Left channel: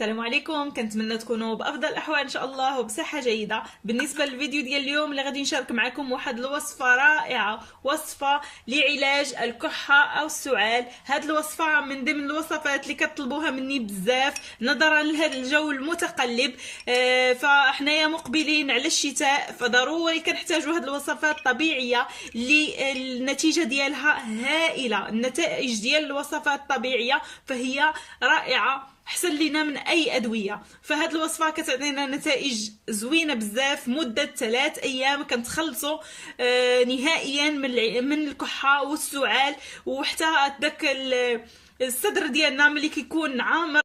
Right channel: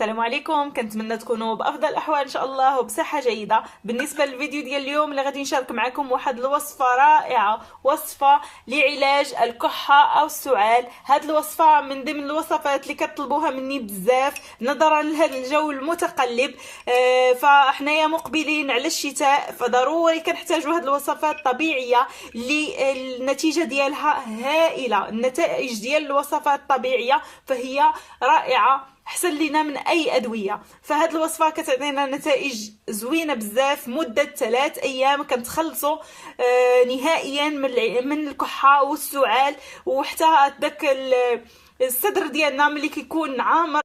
السلام عليكم، كنتمنى تكونوا بافضل الاحوال ان شاء الله وبصحه جيده. بالنسبه للفيديو ديال اليوم اللي غادي نشارك معكم واحد الوصفه رائعه، وصفه لعلاج الكحه او السعال. هاد الوصفه من ضمن الوصفات اللي كتطلبوها مني بزاف نظرا لهذا الجو المتقلب. فاحنايا مقبلين على الشتاء، فضروري كنحتاجوا هاد الوصفات الطبيعيه اللي النتيجه ديالها هائله. النتائج ديال الوصفات الطبيعيه فهي رائعه، احسن لينا من اي ادويه. فهاد الوصفه كتعطينا نتائج زوينه بزاف. مده 3 ايام كنتخلصوا نهائيا من الكحه والسعال، وحتى داك الصدر ديالنا ملي كيكون عامر.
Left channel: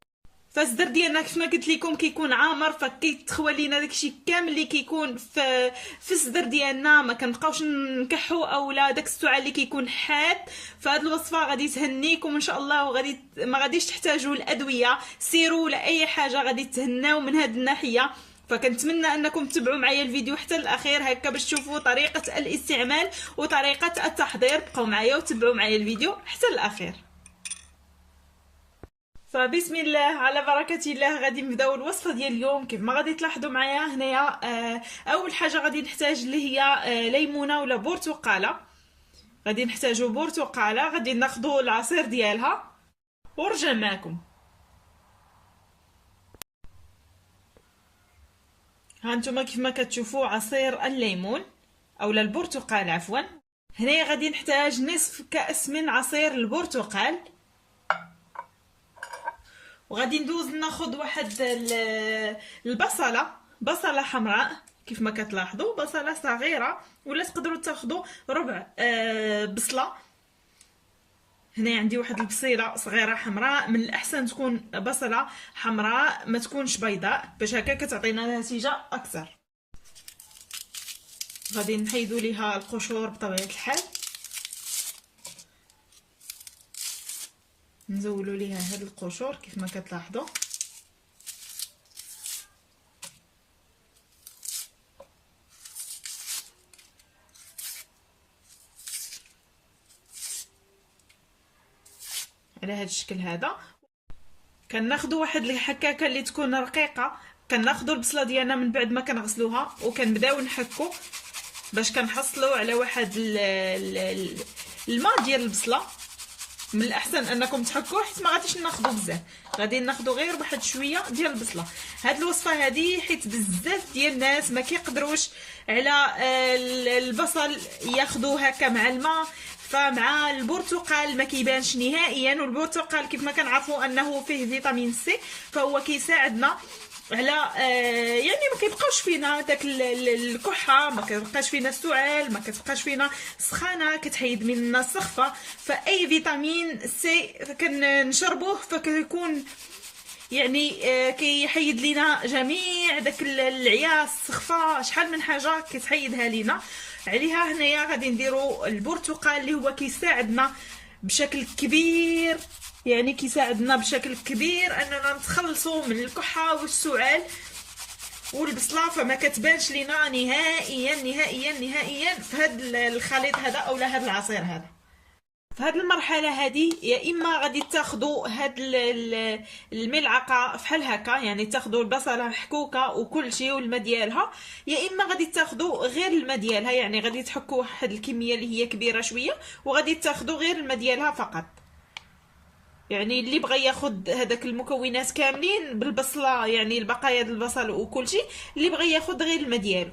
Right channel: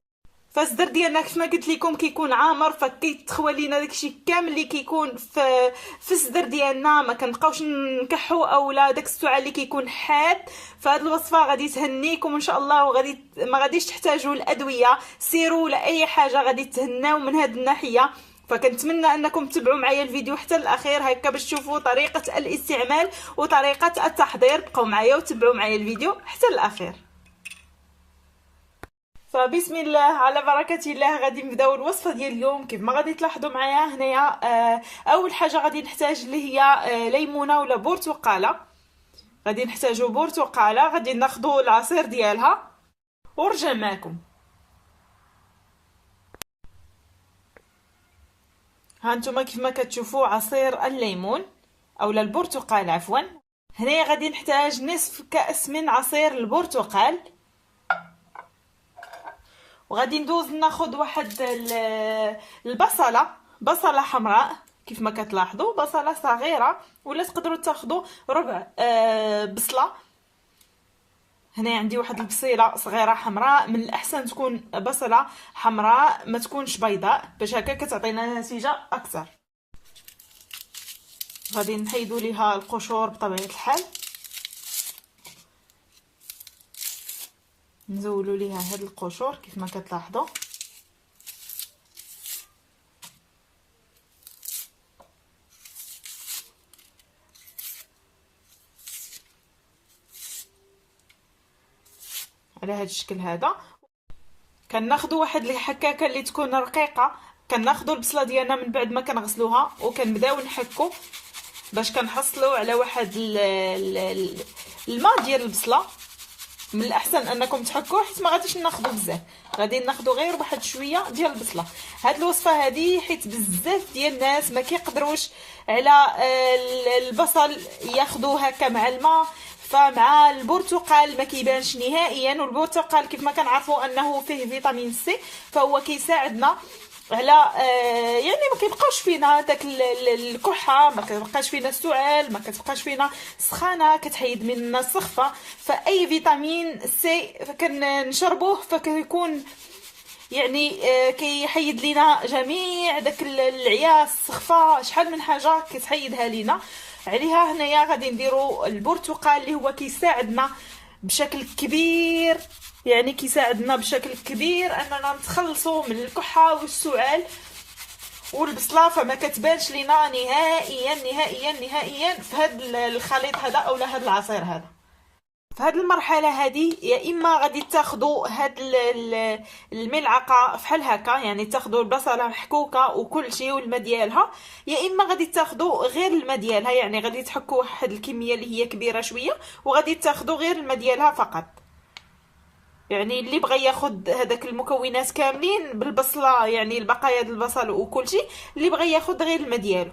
فالصدر ديالنا كيف ما قلت لكم كيكون عامر، فكيتخوى لينا داكشي كامل اللي كيكون في الصدر ديالنا، ما كنبقاوش نكحوا اولا داك السعال اللي كيكون حاد. فهاد الوصفه غادي تهنيكم ان شاء الله، وغادي ما غاديش تحتاجوا الادويه، سيروا لاي حاجه غادي تهناو من هاد الناحيه. فكنتمنى انكم تتبعوا معايا الفيديو حتى الاخير هكا باش تشوفوا طريقه الاستعمال وطريقه التحضير. بقاو معايا وتبعوا معايا الفيديو حتى الاخير. فبسم الله على بركة الله غادي نبداو الوصفه ديال اليوم. كيف ما غادي تلاحظوا معايا هنايا، اول حاجه غادي نحتاج اللي هي ليمونه ولا برتقاله. غادي نحتاجوا برتقاله، غادي ناخذوا العصير ديالها ورجع معكم. ها نتوما كيف ما كتشوفوا عصير الليمون اولا البرتقال عفوا. هنايا غادي نحتاج نصف كأس من عصير البرتقال، وغادي ندوز ناخذ واحد بصله حمراء. كيف ما كتلاحظوا بصله صغيره، ولا تقدروا تاخذوا ربع بصله. هنا عندي واحد البصيله صغيره حمراء، من الاحسن تكون بصله حمراء ما تكونش بيضاء، باش هكا كتعطينا نتيجه اكثر. غادي نحيدوا ليها القشور بطبيعه الحال، نزولوا ليها هاد القشور كيف ما كتلاحظوا. على هاد الشكل هذا. كناخذوا واحد الحكاكه اللي تكون رقيقه، كناخذوا البصله ديالنا من بعد ما كنغسلوها وكنبداو نحكوا باش كنحصلوا على واحد الماء ديال البصله. من الاحسن انكم تحكوه حيت ما غاديش ناخذوا بزاف، غادي ناخذوا غير واحد شويه ديال البصله. هاد الوصفه هذه حيت بزاف ديال الناس ما كيقدروش على البصل ياخذوه هكا مع الماء، فمع البرتقال ما كيبانش نهائيا. والبرتقال كيف ما كنعرفوا انه فيه فيتامين سي، فهو كيساعدنا على يعني ما كيبقاوش فينا داك الكحه، ما كيبقاش فينا السعال، ما كتبقاش فينا السخانه، كتحيد منا السخفه. فاي فيتامين سي كنشربوه فكيكون يعني كيحيد لينا جميع داك العياس، السخفه، شحال من حاجه كتحيدها لينا. عليها هنايا غادي نديروا البرتقال اللي هو كيساعدنا بشكل كبير، يعني كيساعدنا بشكل كبير اننا نتخلصوا من الكحه والسعال. والبصله فما كتبانش لينا نهائيا نهائيا نهائيا في هذا الخليط هذا اولا هذا العصير هذا. في هذه المرحله هذه يا اما غادي تاخذوا هاد الملعقه فحال هكا، يعني تاخذوا البصله محكوكه وكل شيء والماء ديالها، يا اما غادي تاخذوا غير الماء ديالها، يعني غادي تحكوا واحد الكميه اللي هي كبيره شويه وغادي تاخذوا غير الماء ديالها فقط. يعني اللي بغى ياخذ هذاك المكونات كاملين بالبصله، يعني البقايا ديال البصل وكل شيء، اللي بغى ياخذ غير الماء ديالو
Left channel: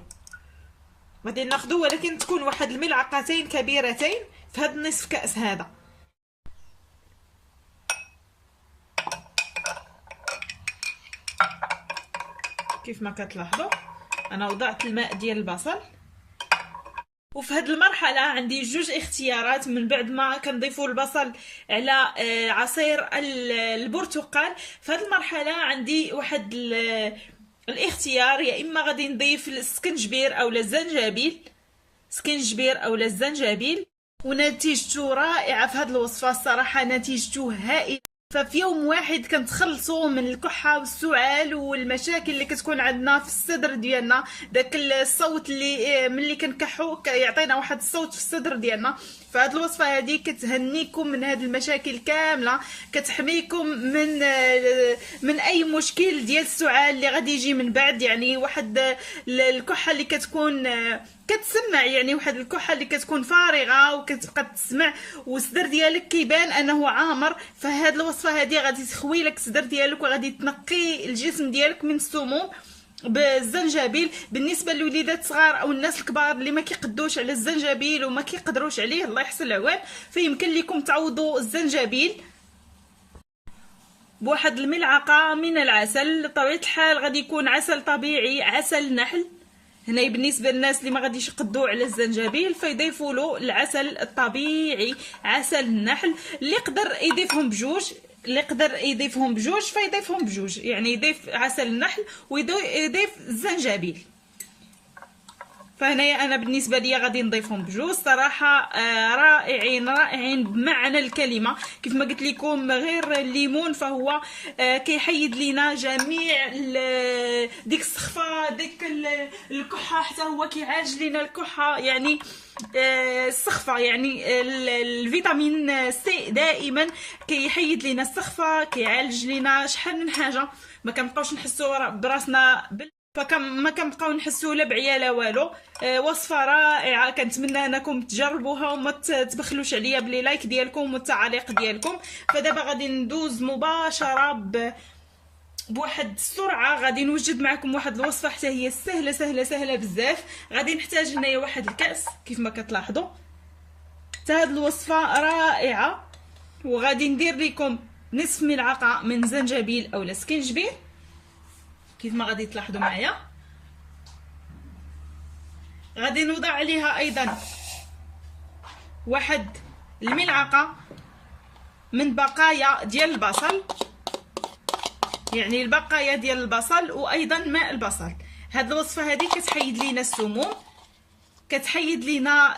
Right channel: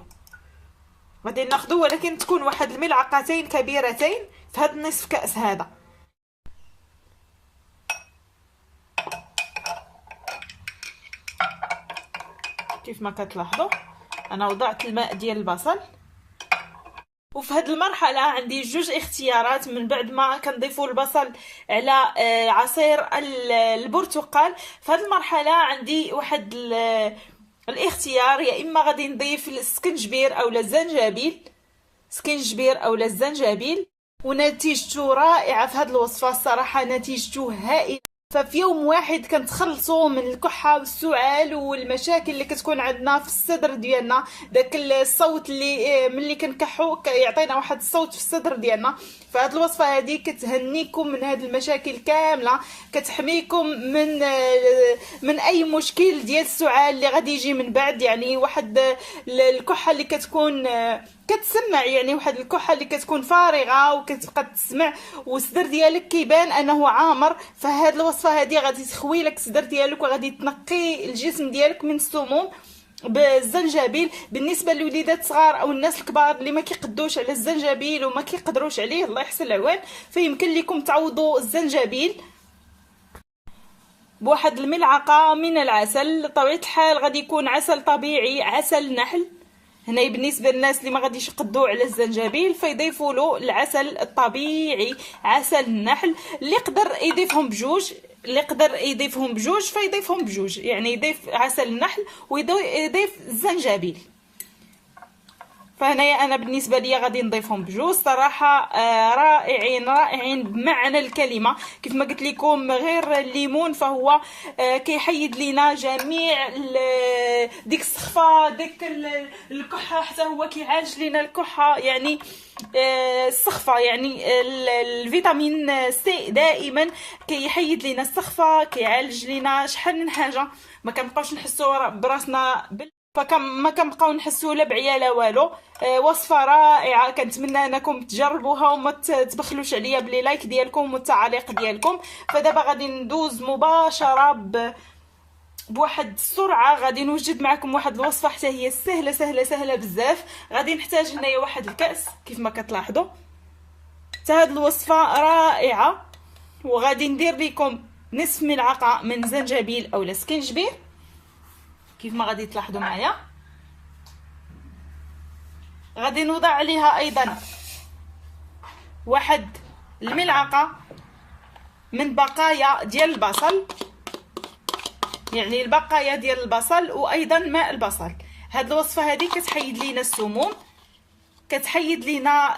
غادي ناخذوا، ولكن تكون واحد الملعقتين كبيرتين في هذا النصف كأس هذا. كيف ما كتلاحظوا انا وضعت الماء ديال البصل. وفي هذه المرحله عندي جوج اختيارات من بعد ما كنضيفوا البصل على عصير البرتقال. في هذه المرحله عندي واحد الاختيار، يا اما غادي نضيف السكنجبير اولا الزنجبيل، سكنجبير اولا الزنجبيل، ونتيجته رائعه في هذه الوصفه. الصراحه نتيجته هائله. ففي يوم واحد كنتخلصوا من الكحه والسعال والمشاكل اللي كتكون عندنا في الصدر ديالنا. داك الصوت اللي ملي كنكحوا يعطينا واحد الصوت في الصدر ديالنا. فهاد الوصفه هذه كتهنيكم من هاد المشاكل كامله، كتحميكم من اي مشكل ديال السعال اللي غادي يجي من بعد. يعني واحد الكحه اللي كتكون كتسمع، يعني واحد الكحه اللي كتكون فارغه وكتبقى تسمع والصدر ديالك كيبان انه عامر. فهاد الوصفه هذه غادي تخوي لك الصدر ديالك وغادي تنقي الجسم ديالك من السموم بالزنجبيل. بالنسبه للوليدات الصغار او الناس الكبار اللي ما كيقدوش على الزنجبيل وما كيقدروش عليه، الله يحسن العوان، فيمكن لكم تعوضوا الزنجبيل بواحد الملعقه من العسل. بطبيعه الحال غادي يكون عسل طبيعي، عسل نحل. هنا بالنسبه للناس اللي ما غاديش يقدوا على الزنجبيل فيضيفوا له العسل الطبيعي، عسل النحل. اللي يقدر يضيفهم بجوج، اللي يقدر يضيفهم بجوج فيضيفهم بجوج، يعني يضيف عسل النحل ويضيف الزنجبيل. فهنايا انا بالنسبه لي غادي نضيفهم بجوج. صراحه رائعين رائعين بمعنى الكلمه. كيف ما قلت لكم غير الليمون فهو كيحيد لينا جميع ديك السخفه، ديك الكحه، حتى هو كيعالج لينا الكحه. يعني السخفه، يعني الفيتامين سي دائما كيحيد لينا السخفه، كيعالج لينا شحال من حاجه. ما كنبقاوش نحسوا براسنا ما كنبقاو نحسوا لا بعيا لا والو. وصفه رائعه، كنتمنى انكم تجربوها وما تبخلوش عليا بلي لايك ديالكم والتعاليق ديالكم. فدابا غادي ندوز مباشره بواحد السرعه، غادي نوجد معكم واحد الوصفه حتى هي سهله سهله سهله بزاف. غادي نحتاج هنايا واحد الكاس كيف ما كتلاحظوا. حتى هاد الوصفه رائعه. وغادي ندير لكم نصف ملعقه من زنجبيل اولا سكينجبير كيف ما غادي تلاحظوا معايا. غادي نوضع عليها ايضا واحد الملعقه من بقايا ديال البصل، يعني البقايا ديال البصل وايضا ماء البصل. هاد الوصفه هذه كتحيد لينا السموم، كتحيد لينا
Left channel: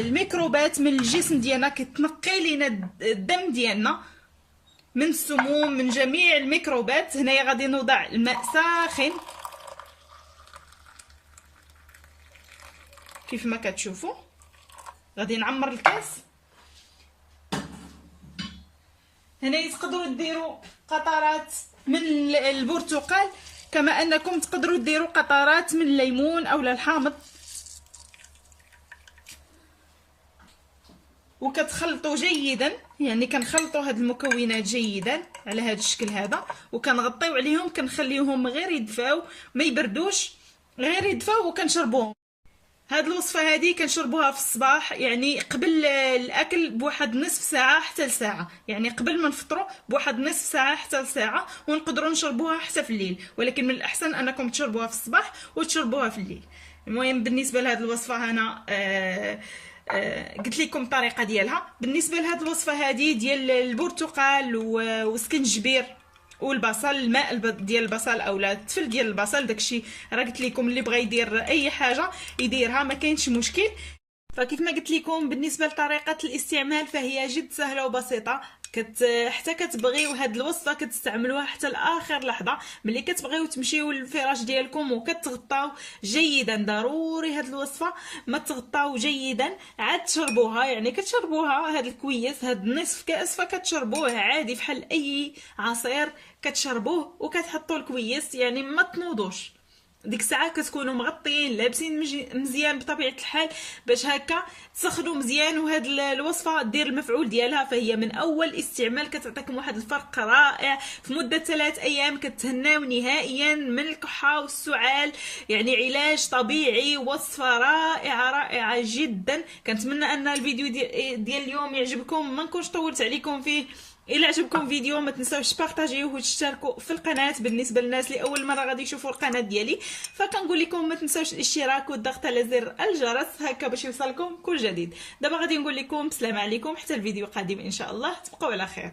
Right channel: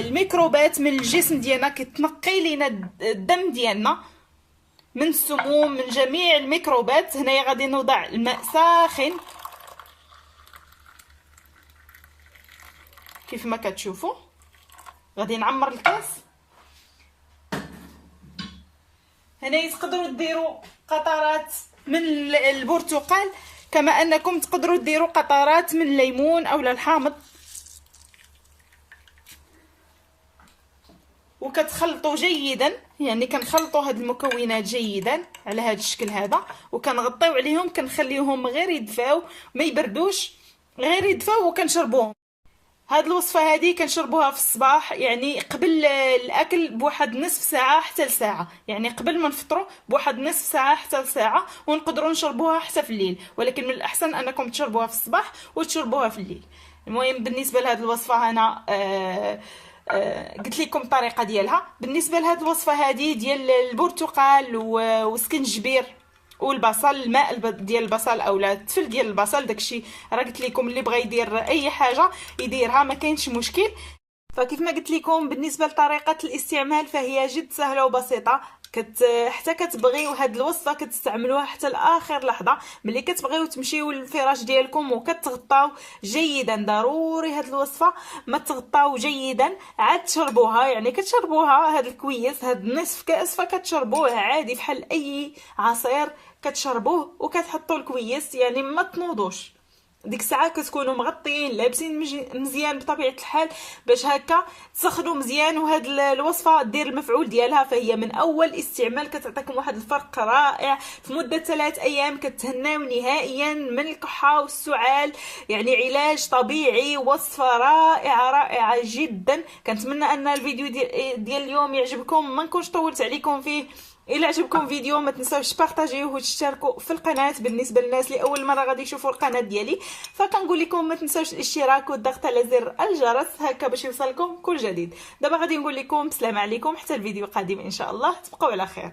الميكروبات من الجسم ديالنا، كتنقي لينا الدم ديالنا من السموم من جميع الميكروبات. هنايا غادي نوضع الماء ساخن كيف ما كتشوفوا. غادي نعمر الكاس. هنا تقدروا ديروا قطرات من البرتقال، كما انكم تقدروا ديروا قطرات من الليمون اولا الحامض. وكتخلطوا جيدا، يعني كنخلطوا هاد المكونات جيدا على هذا الشكل هذا، وكنغطيو عليهم، كنخليوهم غير يدفاو ما يبردوش، غير يدفاو وكنشربوهم. هاد الوصفه هذه كنشربوها في الصباح، يعني قبل الاكل بواحد نصف ساعه حتى لساعه، يعني قبل ما نفطروا بواحد نصف ساعه حتى لساعه، ونقدروا نشربوها حتى في الليل. ولكن من الاحسن انكم تشربوها في الصباح وتشربوها في الليل. المهم بالنسبه لهاد الوصفه انا قلت لكم الطريقه ديالها. بالنسبه لهاد الوصفه هذه ديال البرتقال وسكنجبير والبصل، الماء ديال البصل اولا التفل ديال البصل، داكشي راه قلت لكم اللي بغى يدير اي حاجه يديرها، ما كاينش مشكل. فكيف ما قلت لكم بالنسبه لطريقه الاستعمال فهي جد سهله وبسيطه. حتى كتبغيو هاد الوصفه كتستعملوها حتى لاخر لحظه. ملي كتبغيو تمشيو للفراش ديالكم وكتغطاو جيدا، ضروري هاد الوصفه ما تغطاو جيدا عاد تشربوها. يعني كتشربوها هاد الكويس، هاد نصف كاس، فكتشربوه عادي بحال اي عصير كتشربوه وكتحطوا الكويس، يعني ما تنوضوش. ديك الساعه كتكونوا مغطيين لابسين مزيان بطبيعه الحال باش هكا تسخنوا مزيان. وهاد الوصفه دير المفعول ديالها، فهي من اول استعمال كتعطيكم واحد الفرق رائع. في مده 3 ايام كتهناو نهائيا من الكحه والسعال، يعني علاج طبيعي، وصفه رائعه رائعه جدا. كنتمنى ان الفيديو ديال اليوم يعجبكم، ما نكونش طولت عليكم فيه. إلا عجبكم فيديو ما تنساوش تبارطاجيوه وتشتركوا في القناه. بالنسبه للناس اللي اول مره غادي يشوفوا القناه ديالي فكنقول لكم ما تنساوش الاشتراك والضغط على زر الجرس هكا باش يوصلكم كل جديد. دابا غادي نقول لكم السلام عليكم حتى الفيديو القادم ان شاء الله. تبقوا على خير.